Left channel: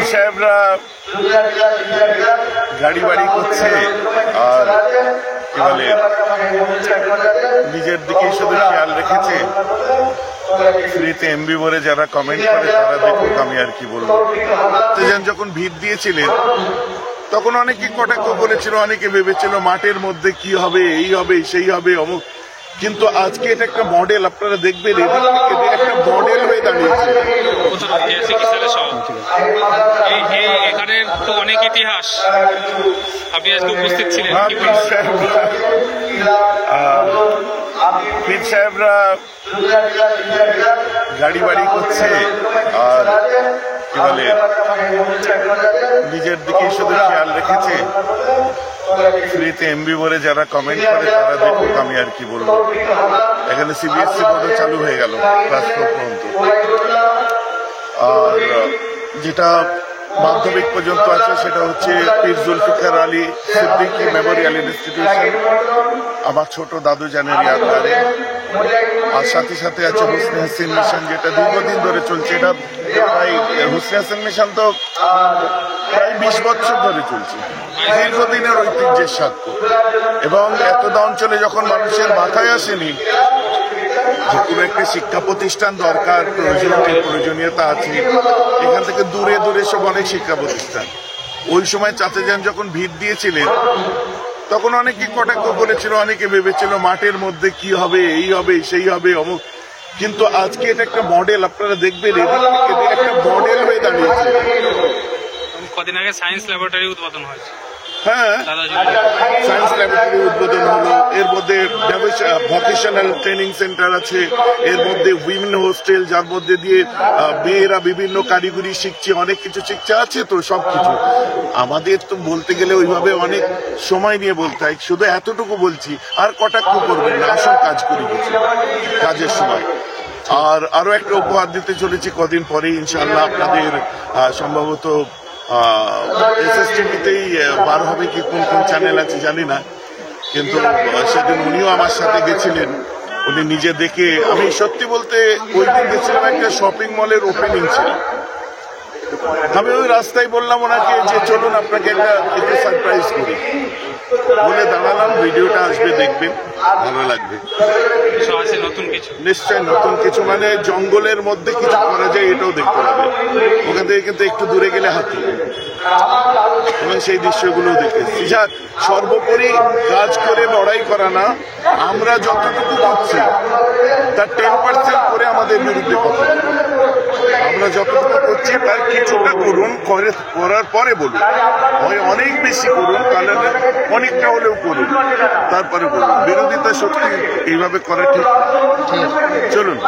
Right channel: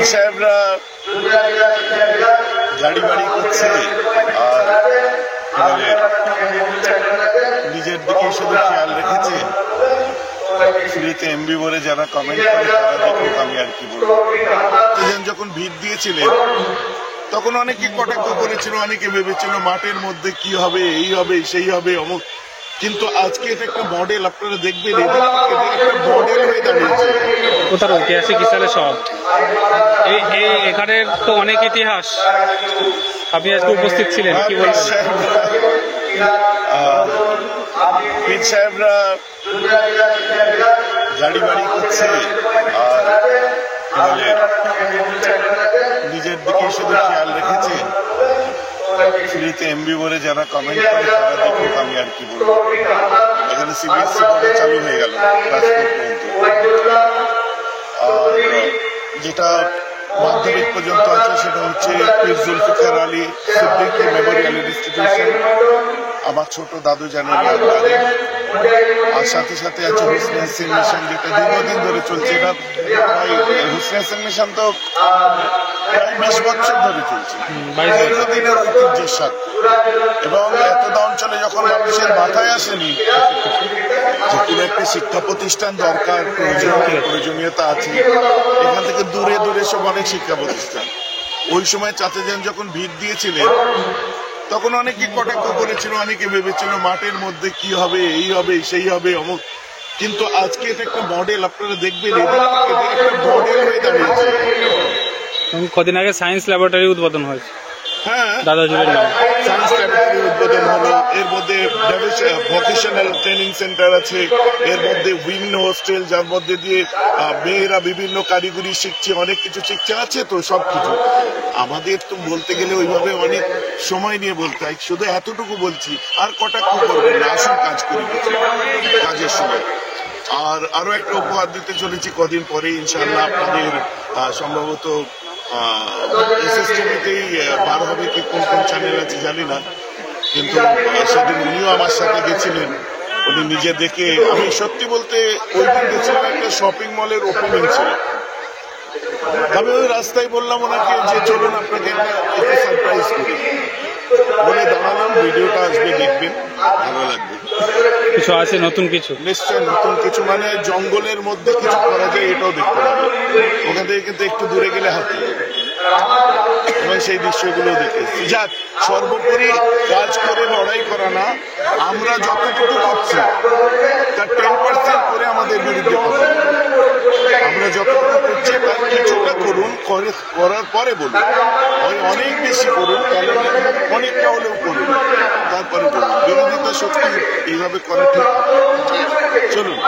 পীর সাহেবরা গাড়ি বাড়ি করছে আর কি বলে নিজের দিকে শুধু খেয়াল রেখেছে। ফ্রিতে এমবি ভরে যারা কমেন্ট করে তারা দেখুক, আমি আর কি বলবো। যখন ভিড় দিয়েছিলেন তখন অনেকে কটাক্ষ করেছিল, অনেকে ভেবেছিল মাঠের মধ্যে কি হবে, এই হবে সেই হবে অমুক, কিন্তু আজকে এটা একটা মডেল। আপনারা দেখবেন এদিক থেকে একটা মডেল হয়ে দাঁড়িয়েছে। ঐতিহাসিক হিসাবে এখানে তো অনেক ইতিহাস, আপনি আজকে উপস্থিত ছিলেন। পীর সাহেবরা গাড়ি বাড়ি করছে আর কি বলে নিজের দিকে শুধু খেয়াল রেখেছে। ফ্রিতে এমবি ভরে যারা কমেন্ট করে তারা দেখুক, আমি আর কি বলবো। এখানে সিবিএসসি বোর্ডও চালু হয়ে গেল ক্লাস 4 পর্যন্ত, আর যেটা মাধ্যমিক পর্যন্ত আছে সেটা হচ্ছে পীর জুলফিকার আলী সিদ্দিকী মেমোরিয়াল ইনস্টিটিউশন, আমার ছোট দাদু জানের ইয়াদগারে। আর সাথে সাথে আছে হুসনে হাসিন মিশন, যেটা দীর্ঘদিন ধরে চলছে। এটা প্রায় হুসনে হাসিন মিশন তো প্রায় 20 বছর ধরে চলছে, দীর্ঘদিনের ঐতিহ্যের সাক্ষ্য। এবং এতটা অঞ্চলে যখন মানুষের মাথায় আসেনি যে কোনো একটা শিক্ষা প্রতিষ্ঠান দরকার, প্রয়োজনীয়তা আছে, এখান থেকে দূরে দূরে সব অনেক শিক্ষা প্রতিষ্ঠান। ওই সময় চাচা যান যখন ভিড় দিয়েছিলেন তখন অনেকে কটাক্ষ করেছিল, অনেকে ভেবেছিল মাঠের মধ্যে কি হবে, এই হবে সেই হবে অমুক, কিন্তু আজকে এটা একটা মডেল। আপনারা দেখবেন এদিক থেকে একটা মডেল হয়ে দাঁড়িয়েছে। কদিন আগে সায়েন্স ল্যাবরেটরি উদ্বোধন হয়েছে। হ্যাঁ, সায়েন্স ল্যাবরেটরি উদ্বোধন হলো। এর মধ্যে ভোকেশনাল ট্রেনিং সেন্টার আছে, এর মধ্যে উইমেন হোস্টেল, যার মধ্যে দিয়ে মেয়েরা বিভিন্ন কারিগরি শিখছে, অনেক কিছু শিখছে আছে। তো সবকিছু আমাদের তো বলতে গেলে ওইভাবে অনেক সময় নিয়ে বলতে হয়, শুধু এতটুকু বলছি। আর কটাক্ষ করবেন না, আসল কাজ করি গেছি কাজের সময়। আর আরো একটা উপহার দিতে চলেছি কদিন পরে ইনশাআল্লাহ। আপনাদের সম্ভবত এসএসটিভিতেই বার হবে কি কোন কোন চ্যানেল আছে জানি না, কিন্তু সেদিন উনিও আমার সাথে গেছিলেন। উনি নিজে দেখে, আমি সত্যি বলতে ওই দিন গেছিলাম একটা শপিং মলের ওপেনিং ছিল। আমি ওই রাস্তায় বললাম ওনাকে যে চলুন আপনাকে একটু সারপ্রাইজ করি, বলে দাঁড়ালাম। ভিডিওটা আসবে, দেখবেন, ভালো লাগবে। কিছু আছে নতুন কিছু, নিশ্চয় নতুন কিছু, মানে জঙ্গলের মধ্যে কিছু করা যায় এটাও দেখতে পাবে। ওখান থেকে কিন্তু একটু দূরে গেলে হাতি, এবং সেই দৃশ্যগুলো দেখেছি। যাক, সর্বোপরি কাজ করে লড়াই করা না, আমরা যতটুকু করছি তার 10% করে আমাদের বিরুদ্ধে কথা। আমরা যতটুকু করছি তার কিছুটা করুন, করার পরে বলুন। হয় অনেক বেশি করুন, তাহলে অনেকটা হলেও করুন, তারপরে বলুন। বিরোধিতা সত্যি এইভাবে করা ঠিক। চলুন।